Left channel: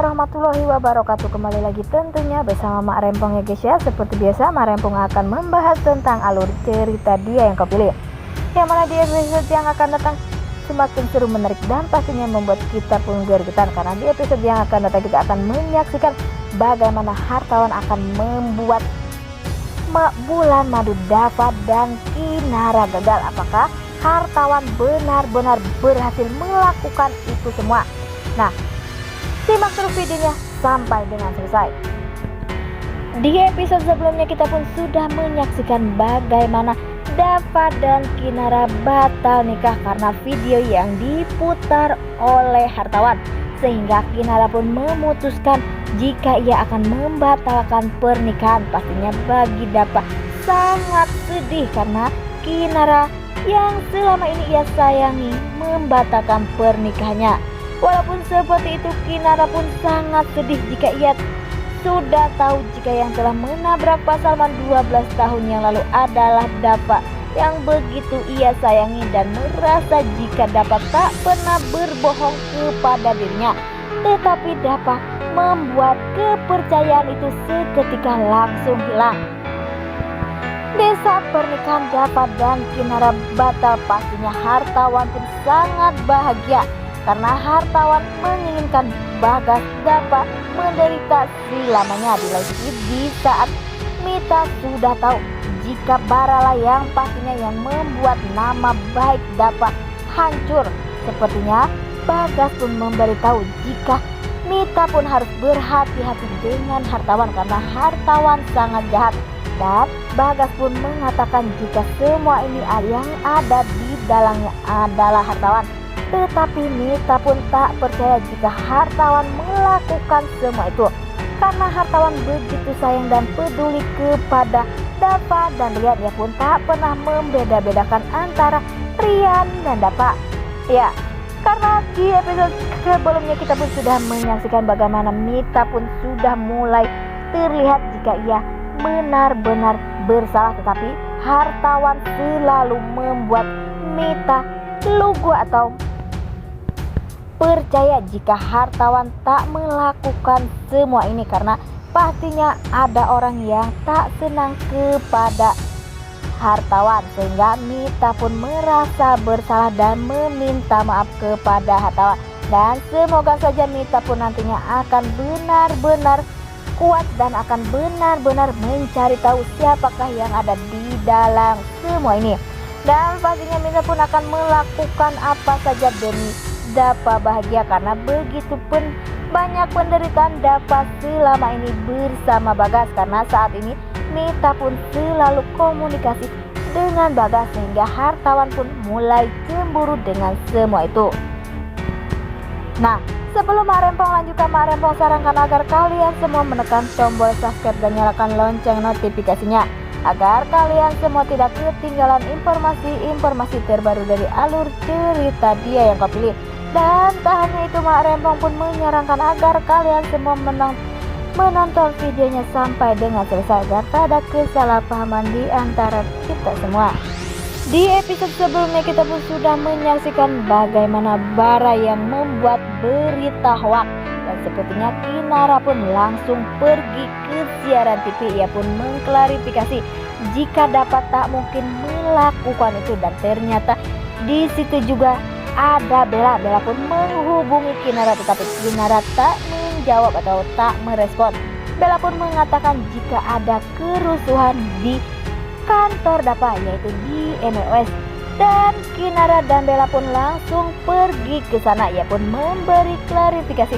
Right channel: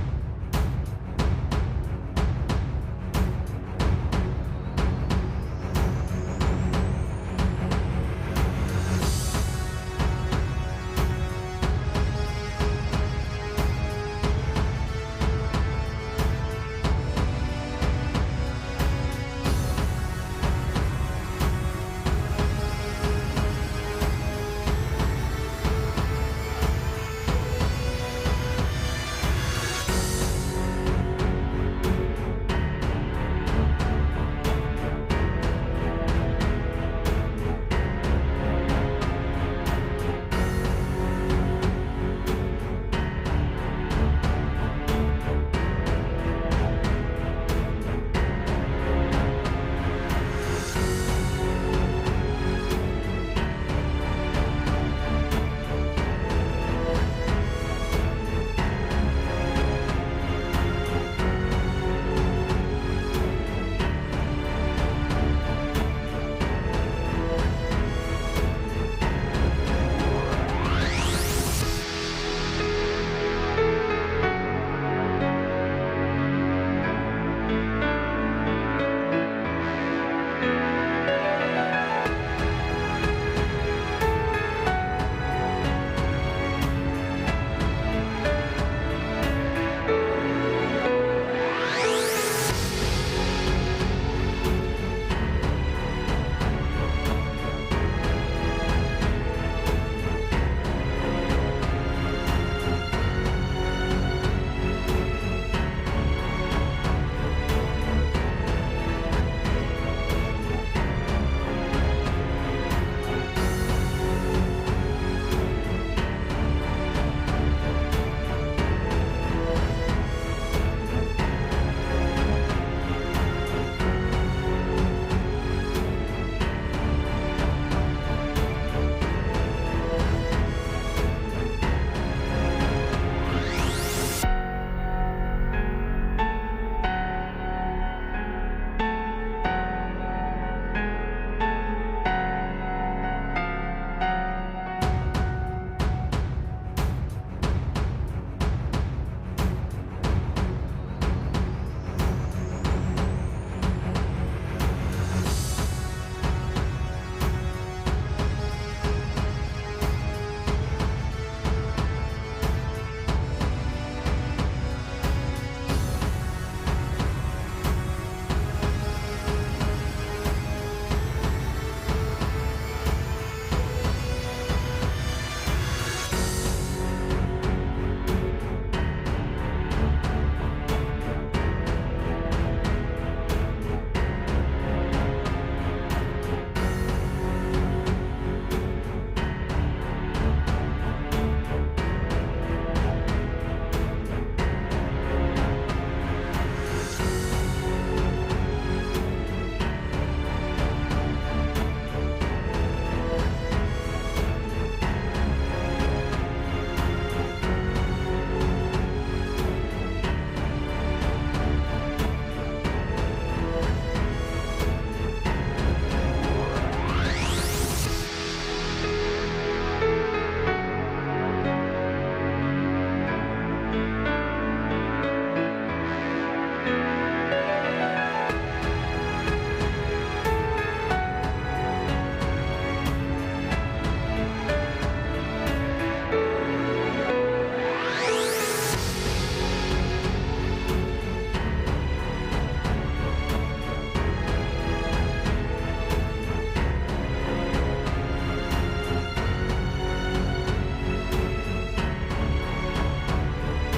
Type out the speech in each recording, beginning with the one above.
warahmatullahi wabarakatuh. Kembali lagi tentunya bersama Mak Rempong ya guys ya. Seperti biasa Mak Rempong akan membahas tentang alur cerita Dia Yang Kau Pilih, yang mana di episode yang akan datang semakin seru, menarik, dan pastinya membuat kita pun gergetan. Karena di episode yang akan datang kita akan menyaksikan bagaimana hartawan akan membuat Bulan Madu dapat dan Kinara gagal. Apakah hartawan benar-benar berhasil melakukan itu semua? Nah, simak terus videonya sampai dengan selesai. Di episode sebelumnya kita pun sudah menyaksikan bagaimana Dava dan Kinara batal nikah karena video yang diputar oleh hartawan, sehingga Kinara pun memutuskan jika ia akan membatalkan pernikahan. Pastinya bagi Dava sangat sedih karena Kinara yang selama ini ia sayangi membatalkan pernikahannya. Walaupun seperti itu, Kinara pun sangat sedih jika ia sudah tahu jika yang telah menabrak pasangan 12 tahun yang lalu adalah Dava yang begitu ia sayangi, dan merasa jika Dava tak pernah berbohong kepada dirinya. Tetapi Dava membuat kepercayaan itu seketika langsung hilang. Di saat pernikahan Dava dan Kinara batal, pastinya hartawan pun sangat bahagia karena hartawan menginginkan Bagas Dava menderita selamanya. Di saat Mita sudah tahu jika Barala yang pastinya yang membuat nama baik Dava hancur, sepertinya Bagas pun memberitahu jika Mita pun harus berhati-hati dengan hartawan karena hartawan sangat jahat. Dan Bagas pun mengatakan jika semua ini yang ada di dalamnya adalah hartawan. Tetapi Mita pun tak percaya jika hartawan melakukan semua itu, karena hartawan begitu sayang dan peduli kepada Dava dan Rian. Dia pun tak pernah membeda-bedakan antara Rian dan Dava. Ya, karena di episode sebelumnya kita pun sudah menyaksikan bagaimana Mita pun sudah mulai terlihat jika ia benar-benar bersalah, tetapi hartawan selalu membuat Mita lugu atau percaya jika hartawan tak melakukan semua ini karena pastinya ada orang yang tak senang kepada hartawan, sehingga Mita pun merasa bersalah dan meminta maaf kepada hartawan. Dan semoga saja Mita pun nantinya akan benar-benar kuat dan akan benar-benar mencari tahu siapakah yang ada di dalam semua ini. Dan pastinya Mita pun akan melakukan apa saja demi Dava bahagia, karena begitu pun banyak penderitaan Dava selama ini bersama Bagas. Karena saat ini Mita pun selalu komunikasi dengan Bagas, sehingga hartawan pun mulai cemburu dengan semua itu. Nah, sebelum Mak Rempong lanjutkan, Mak Rempong sarankan agar kalian semua menekan tombol subscribe dan nyalakan lonceng notifikasinya agar kalian semua tidak ketinggalan informasi terbaru dari alur cerita Dia Yang Kau Pilih. Dan tak hanya itu, Mak Rempong pun menyarankan agar kalian semua menonton videonya sampai dengan selesai agar tak ada kesalahpahaman di antara kita semua. Di episode sebelumnya kita pun sudah menyaksikan bagaimana Bara yang membuat berita hoak, dan sepertinya Kinara pun langsung pergi ke siaran TV. Ia pun mengklarifikasi jika dapat tak mungkin melakukan itu, dan ternyata di situ juga ada Bella. Bella pun menghubungi Kinara, tetapi Kinara tak menjawab atau tak merespon. Bella pun mengatakan jika ada kerusuhan di kantor Dava, yaitu di MOS, dan Kinara dan Bella pun langsung pergi ke sana. Ia pun memberi klarifikasi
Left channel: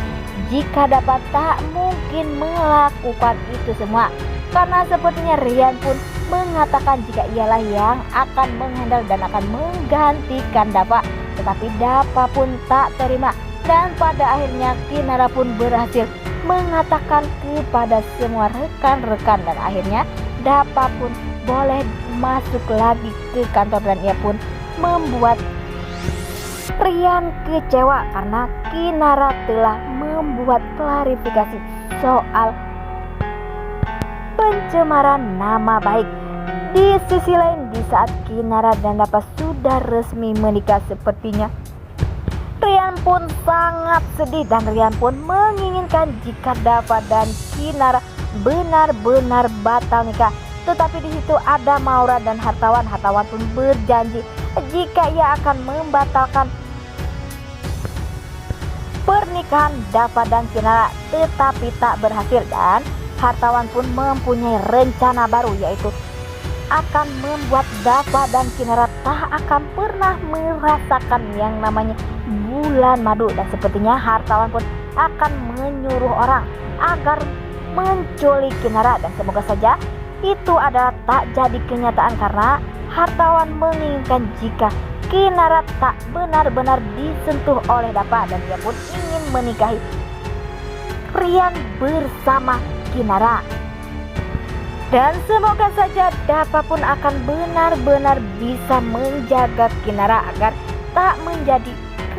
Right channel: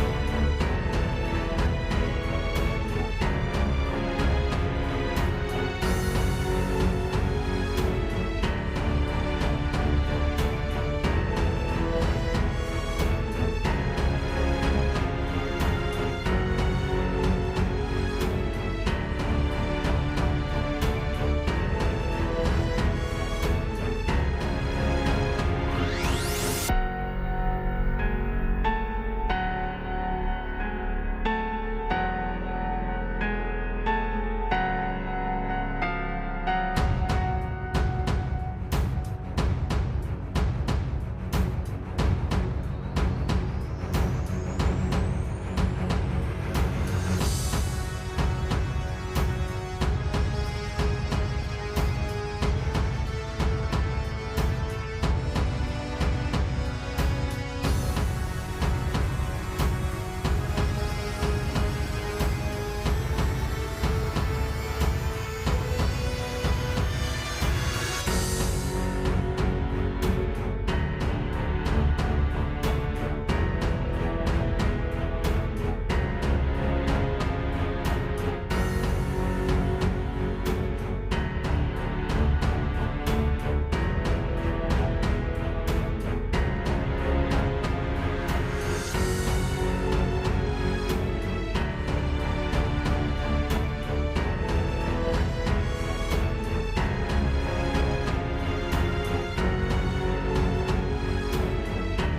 jika Dava tak mungkin melakukan itu semua, karena sepertinya Rian pun mengatakan jika ialah yang akan menghandle dan akan menggantikan Dava. Tetapi Dava pun tak terima, dan pada akhirnya Kinara pun berhasil mengatakan kepada semua rekan-rekan, dan akhirnya Dava pun boleh masuk lagi ke kantor. Dan ia pun membuat Rian kecewa karena Kinara telah membuat klarifikasi soal pencemaran nama baik. Di sisi lain, di saat Kinara dan Dava sudah resmi menikah, sepertinya Rian pun sangat sedih dan Rian pun menginginkan jika Dava dan Kinara benar-benar batal nikah. Tetapi di situ ada Maura dan Hartawan. Hartawan pun berjanji jika ia akan membatalkan pernikahan Dava dan Kinara, tetapi tak berhasil. Dan Hartawan pun mempunyai rencana baru, yaitu akan membuat Dava dan Kinara tak akan pernah merasakan yang namanya bulan madu. Dan sepertinya Hartawan pun akan menyuruh orang agar menculik Kinara, dan semoga saja itu adalah tak jadi kenyataan, karena Hartawan menginginkan jika Kinara tak benar-benar disentuh oleh Dava dan dia pun ingin menikahi Rian bersama Kinara. Dan semoga saja Dava pun akan benar-benar bisa menjaga Kinara agar tak menjadi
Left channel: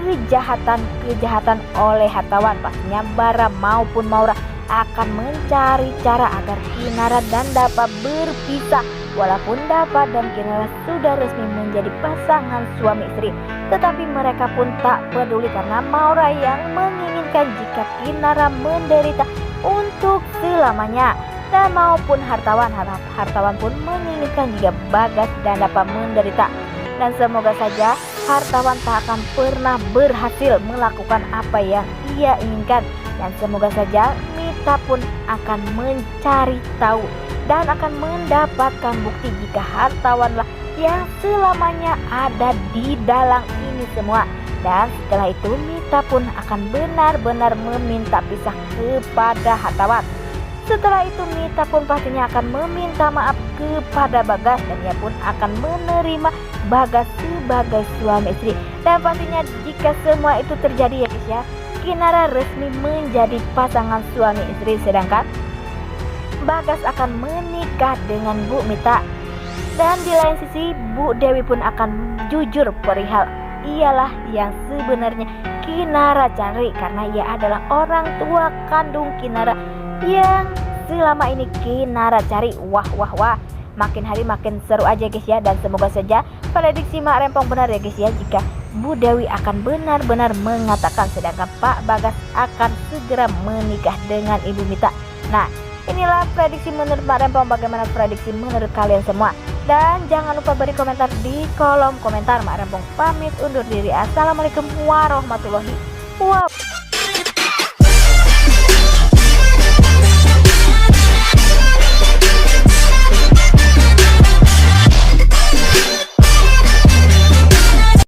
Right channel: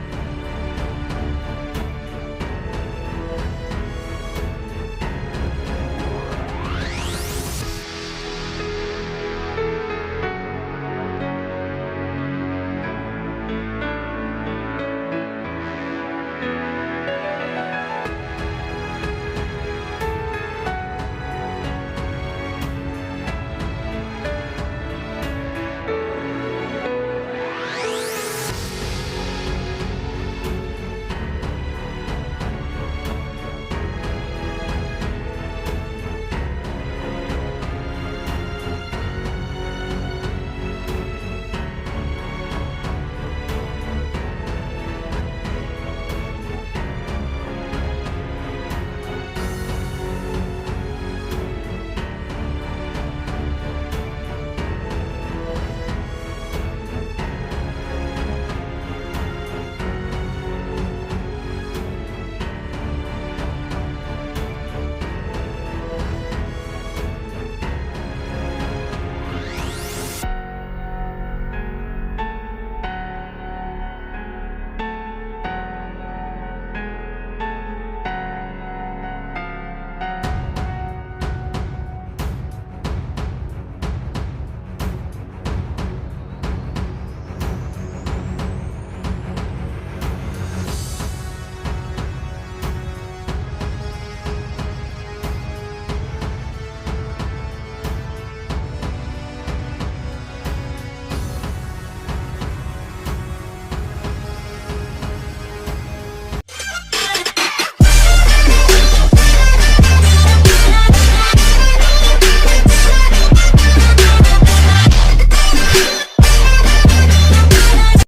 kejahatan oleh Hartawan. Pastinya Bara maupun Maura akan mencari cara agar Kinara dan Dava berpisah. Walaupun Dava dan Kinara sudah resmi menjadi pasangan suami istri, tetapi mereka pun tak peduli karena Maura yang menginginkan jika Kinara menderita untuk selamanya. Dan maupun Hartawan pun menginginkan jika Bagas dan Dava menderita. Dan semoga saja Hartawan tak akan pernah berhasil melakukan apa yang ia inginkan. Dan semoga saja Mita pun akan mencari tahu dan akan mendapatkan bukti jika Hartawanlah yang selamanya ada di dalam ini semua. Dan setelah itu Mita pun akan benar-benar meminta pisah kepada Hartawan. Setelah itu Mita pun pastinya akan meminta maaf kepada Bagas dan dia pun akan menerima Bagas sebagai suami istri. Dan pastinya jika semua itu terjadi ya, Kinara resmi menjadi pasangan suami istri, sedangkan Bagas akan menikah dengan Bu Mita. Dan di lain sisi Bu Dewi pun akan jujur perihal ialah yang sebenarnya Kinara cari, karena ia adalah orang tua kandung Kinara yang selama ini Kinara cari. Wah, makin hari makin seru aja guys ya. Dan semoga saja prediksi Mak Rempong benar ya guys ya, jika Bu Dewi akan benar-benar mengatakan sedangkan Pak Bagas akan segera menikah dengan Ibu Mita. Nah, inilah prediksi menurut Mak Rempong. Bagaimana prediksi menurut kalian semua? Dan jangan lupa beri komentar di kolom komentar. Mak Rempong pamit undur diri. Assalamualaikum warahmatullahi wabarakatuh.